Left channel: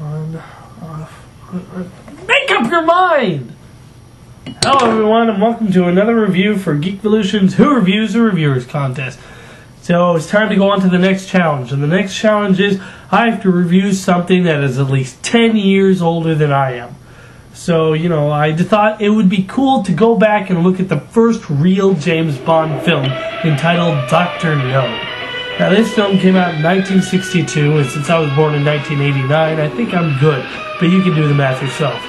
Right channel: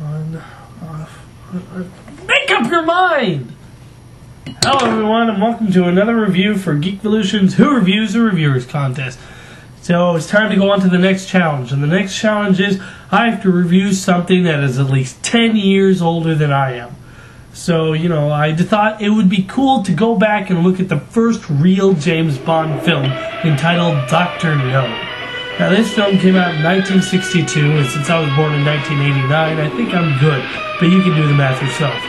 On, off, make up your mind! Hello everyone, and welcome to another review for Geekvolution's Who Reviews the Reviewers contest. So it's time to go on to the next challenge, and the next challenge is I have to review something that is at least 10 years older than I am. So, I thought it would be cool to go back and look at the first real James Bond film entitled Dr. No. Now, this film came out in 1962, and since I was born in 1989, I think I'm good, but you can do the math yourself.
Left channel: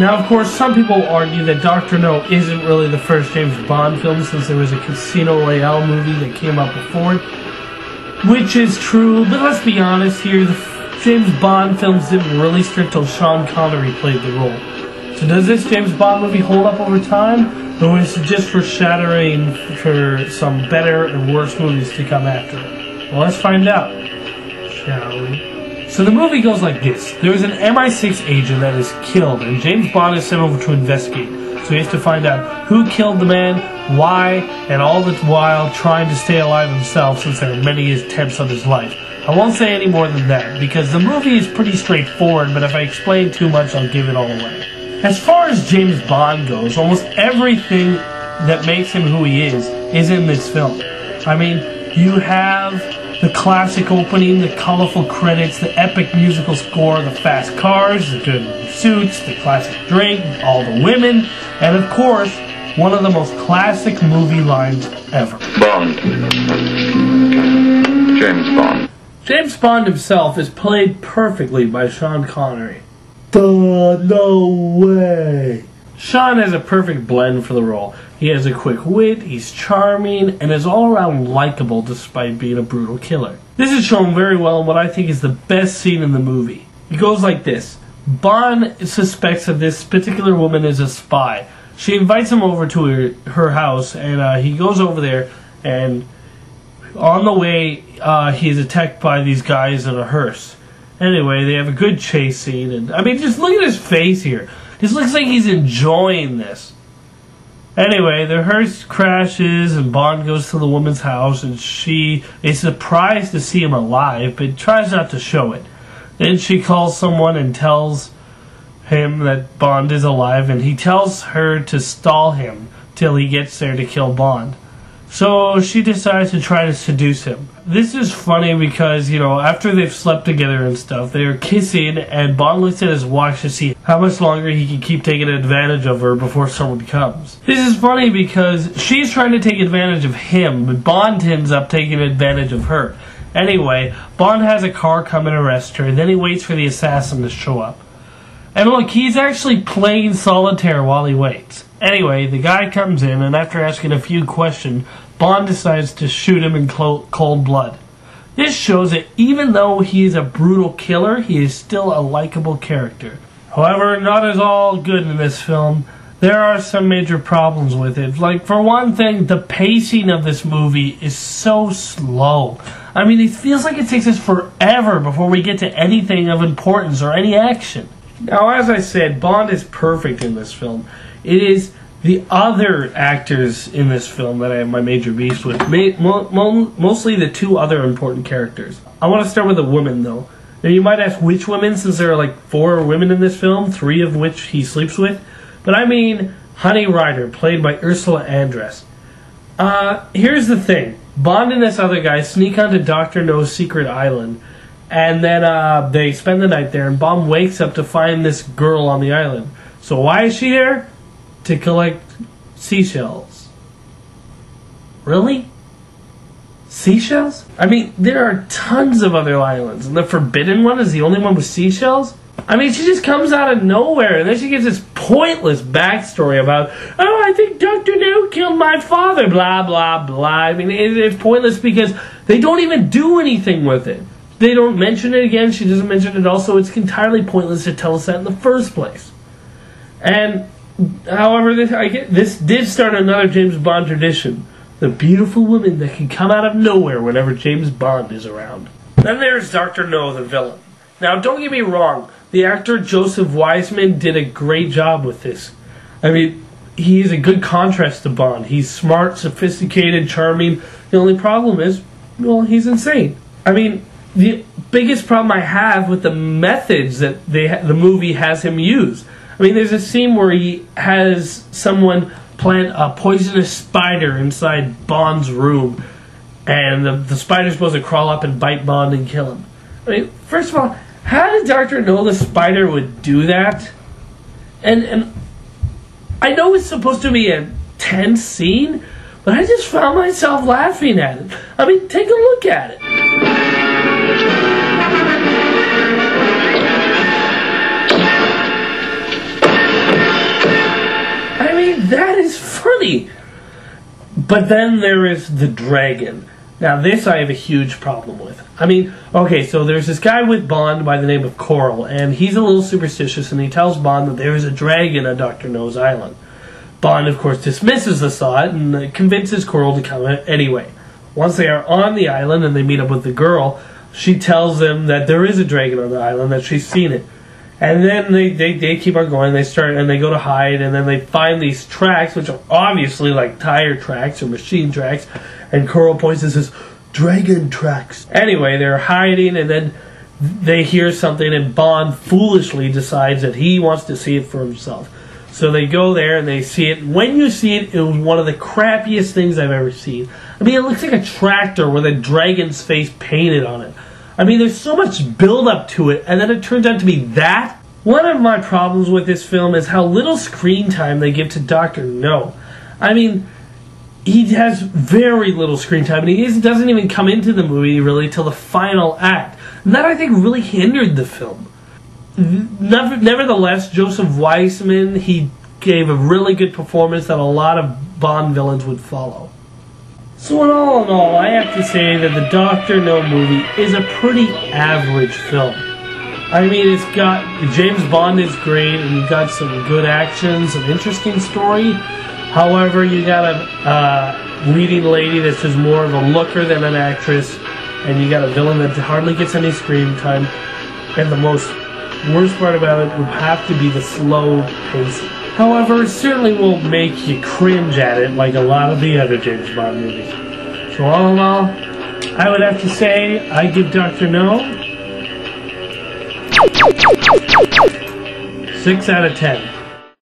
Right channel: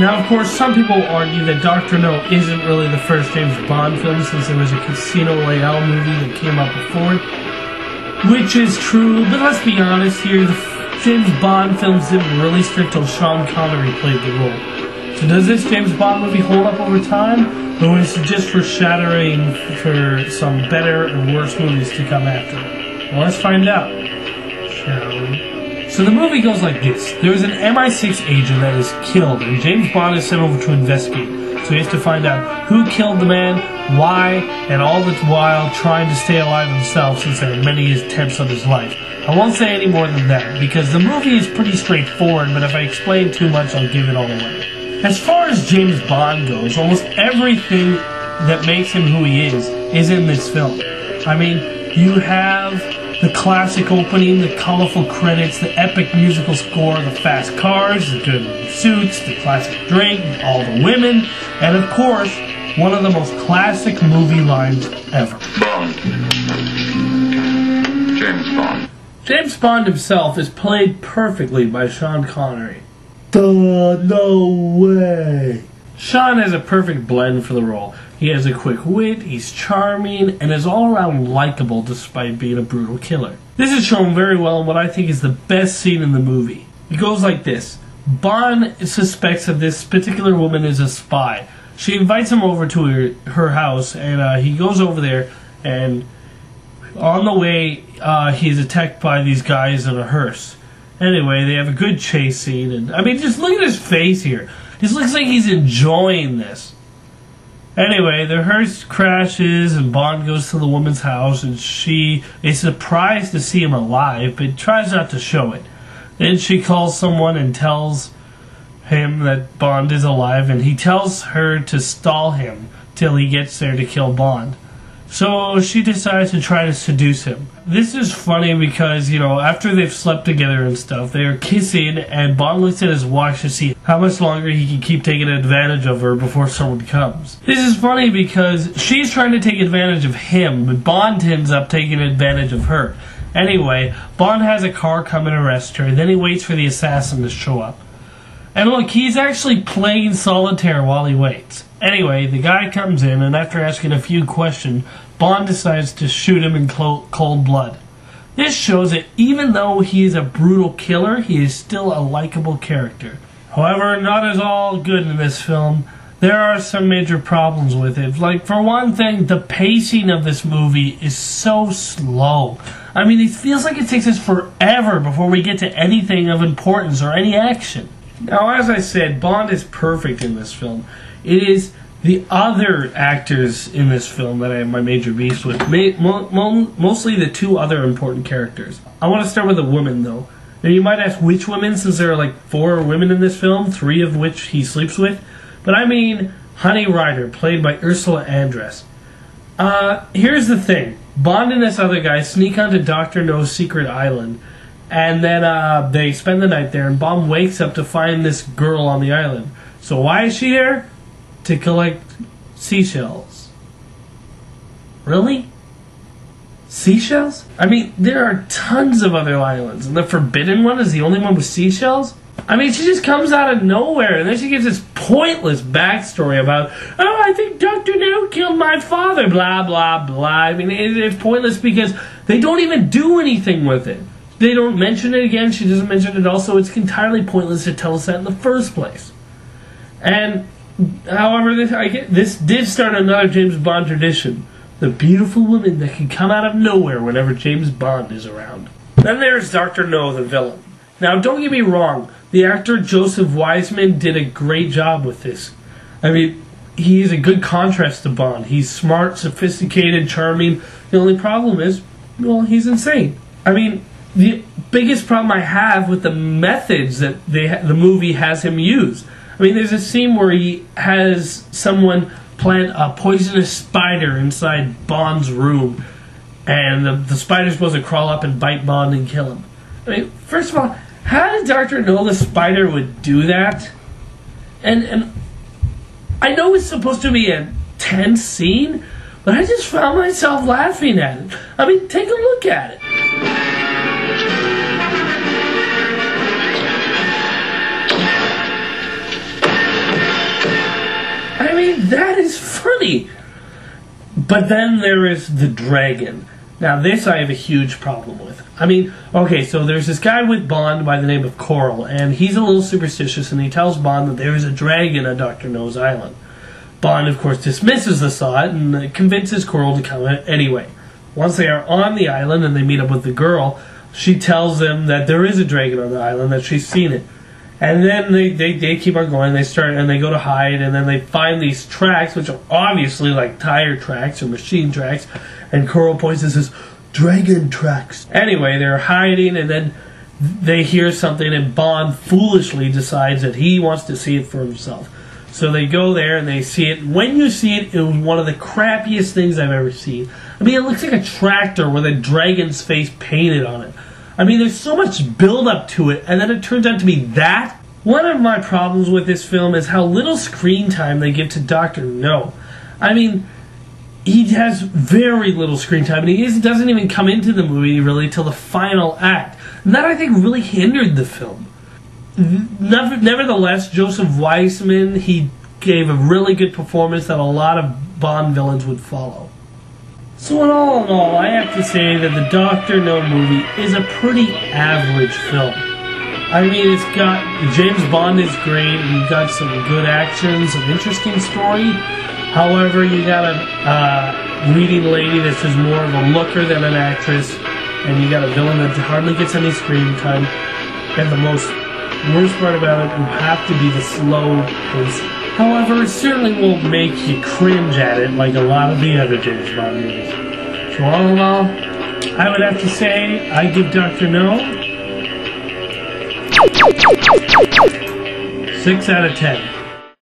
Now, of course, some people argue that Dr. No isn't really the first James Bond film, since there was a Casino Royale movie that came out before it, which is true, but let's be honest here, the James Bond films didn't really start till Sean Connery played the role. So does this James Bond movie hold up over time, or is it just foreshadowing for some better and worse movies to come after it? Well, let's find out, shall we? So the movie goes like this. There is an MI6 agent that is killed, and James Bond is sent over to investigate. So he has to find out who killed the man, why, and all the while trying to stay alive himself, since there are many attempts on his life. I won't say any more than that, because the movie is pretty straightforward, but if I explain too much, I'll give it all away. As far as James Bond goes, almost everything that makes him who he is in this film. I mean, you have the classic opening, the colorful credits, the epic musical score, the fast cars, the good suits, the classic drink, all the women, and of course, one of the most classic movie lines ever. Bond. James Bond. James Bond himself is played perfectly by Sean Connery. No way! Sean has a perfect blend for the role. He has a quick wit, he's charming, and is all around likable despite being a brutal killer. This is shown very well in what I think is the best scene in the movie. It goes like this. Bond suspects that this particular woman is a spy. She invites him over to her house, and he goes over there, and on the way, he's attacked by these guys in a hearse. Anyway, they have a good chase scene, and I mean, just look at his face here. This looks like he's enjoying this. Anyway, the hearse crashes and Bond goes to the woman's house, and she is surprised to see him alive, but tries not to show it. Then she calls someone and tells him that Bond is alive, and he tells her to stall him till he gets there to kill Bond. So she decides to try to seduce him. This is funny because, after they've slept together and stuff, they are kissing, and Bond looks at his watch to see how much longer he can keep taking advantage of her before someone comes. This is funny because she's trying to take advantage of him, but Bond ends up taking advantage of her. Anyway, Bond has a car come and arrest her, and then he waits for the assassin to show up. And look, he's actually playing solitaire while he waits. Anyway, the guy comes in, and after asking a few questions, Bond decides to shoot him in cold blood. This shows that even though he is a brutal killer, he is still a likable character. However, not as all good in this film. There are some major problems with it. Like, for one thing, the pacing of this movie is so slow. I mean, it feels like it takes us forever before we get to anything of importance or any action. Now, as I said, Bond is perfect in this film. It is the other actors in this film that I have my major beefs with. Mostly the two other important characters. I want to start with the women, though. Now, you might ask which women, since there are like 4 women in this film, 3 of which he sleeps with. But I mean Honey Rider, played by Ursula Andress. Here's the thing. Bond and this other guy sneak onto Dr. No's secret island. And then they spend the night there, and Bond wakes up to find this girl on the island. So why is she there? To collect seashells. Really? Seashells? I mean, there are tons of other islands, and the Forbidden One is the only one with seashells? I mean, she just comes out of nowhere, and then she gives this pointless backstory about, oh, I think Dr. No killed my father, blah, blah, blah. I mean, it's pointless because they don't even do anything with it. They don't mention it again, she doesn't mention it also. It's entirely pointless to tell us that in the first place. And, however, this did start another James Bond tradition. The beautiful woman that can come out of nowhere whenever James Bond is around. Then there's Dr. No, the villain. Now, don't get me wrong. The actor Joseph Wiseman did a great job with this. I mean, he's a good contrast to Bond. He's smart, sophisticated, charming. The only problem is, well, he's insane. I mean, the biggest problem I have with the methods that the movie has him use. I mean, there's a scene where he has someone plant a poisonous spider inside Bond's room, and the spider's supposed to crawl up and bite Bond and kill him. I mean, first of all, how did Doctor know the spider would do that? And I know it's supposed to be a tense scene, but I just found myself laughing at it. I mean, take a look at it. I mean, that is funny. But then there is the dragon. Now, this I have a huge problem with. I mean, okay, so there's this guy with Bond by the name of Coral, and he's a little superstitious, and he tells Bond that there is a dragon on Dr. No's island. Bond, of course, dismisses the thought and convinces Coral to come anyway. Once they are on the island and they meet up with the girl, she tells them that there is a dragon on the island, that she's seen it. And then they keep on going, they go to hide, and then they find these tracks, which are obviously like tire tracks or machine tracks, and Coral points and says, "Dragon tracks." Anyway, they're hiding, and then they hear something, and Bond foolishly decides that he wants to see it for himself. So they go there, and they see it. When you see it, it was one of the crappiest things I've ever seen. I mean, it looks like a tractor with a dragon's face painted on it. I mean, there's so much build-up to it, and then it turns out to be that. One of my problems with this film is how little screen time they give to Dr. No. I mean, he has very little screen time, and he doesn't even come into the movie, really, till the final act. And that, I think, really hindered the film. Nevertheless, Joseph Weissman, he gave a really good performance that a lot of Bond villains would follow. So in all, I have to say that the Dr. No movie is a pretty average film. I mean, it's got, James Bond is great, and you've got some good action, some interesting story. However, you got a leading lady that's just more of a looker than an actress, and you got a villain that hardly gets any screen time. And the worst part about it would have to be the slow pacing. However, it certainly won't make you cringe at it like a lot of the other James Bond movies. So all in all, I would have to say I give Dr. No 6 out of 10.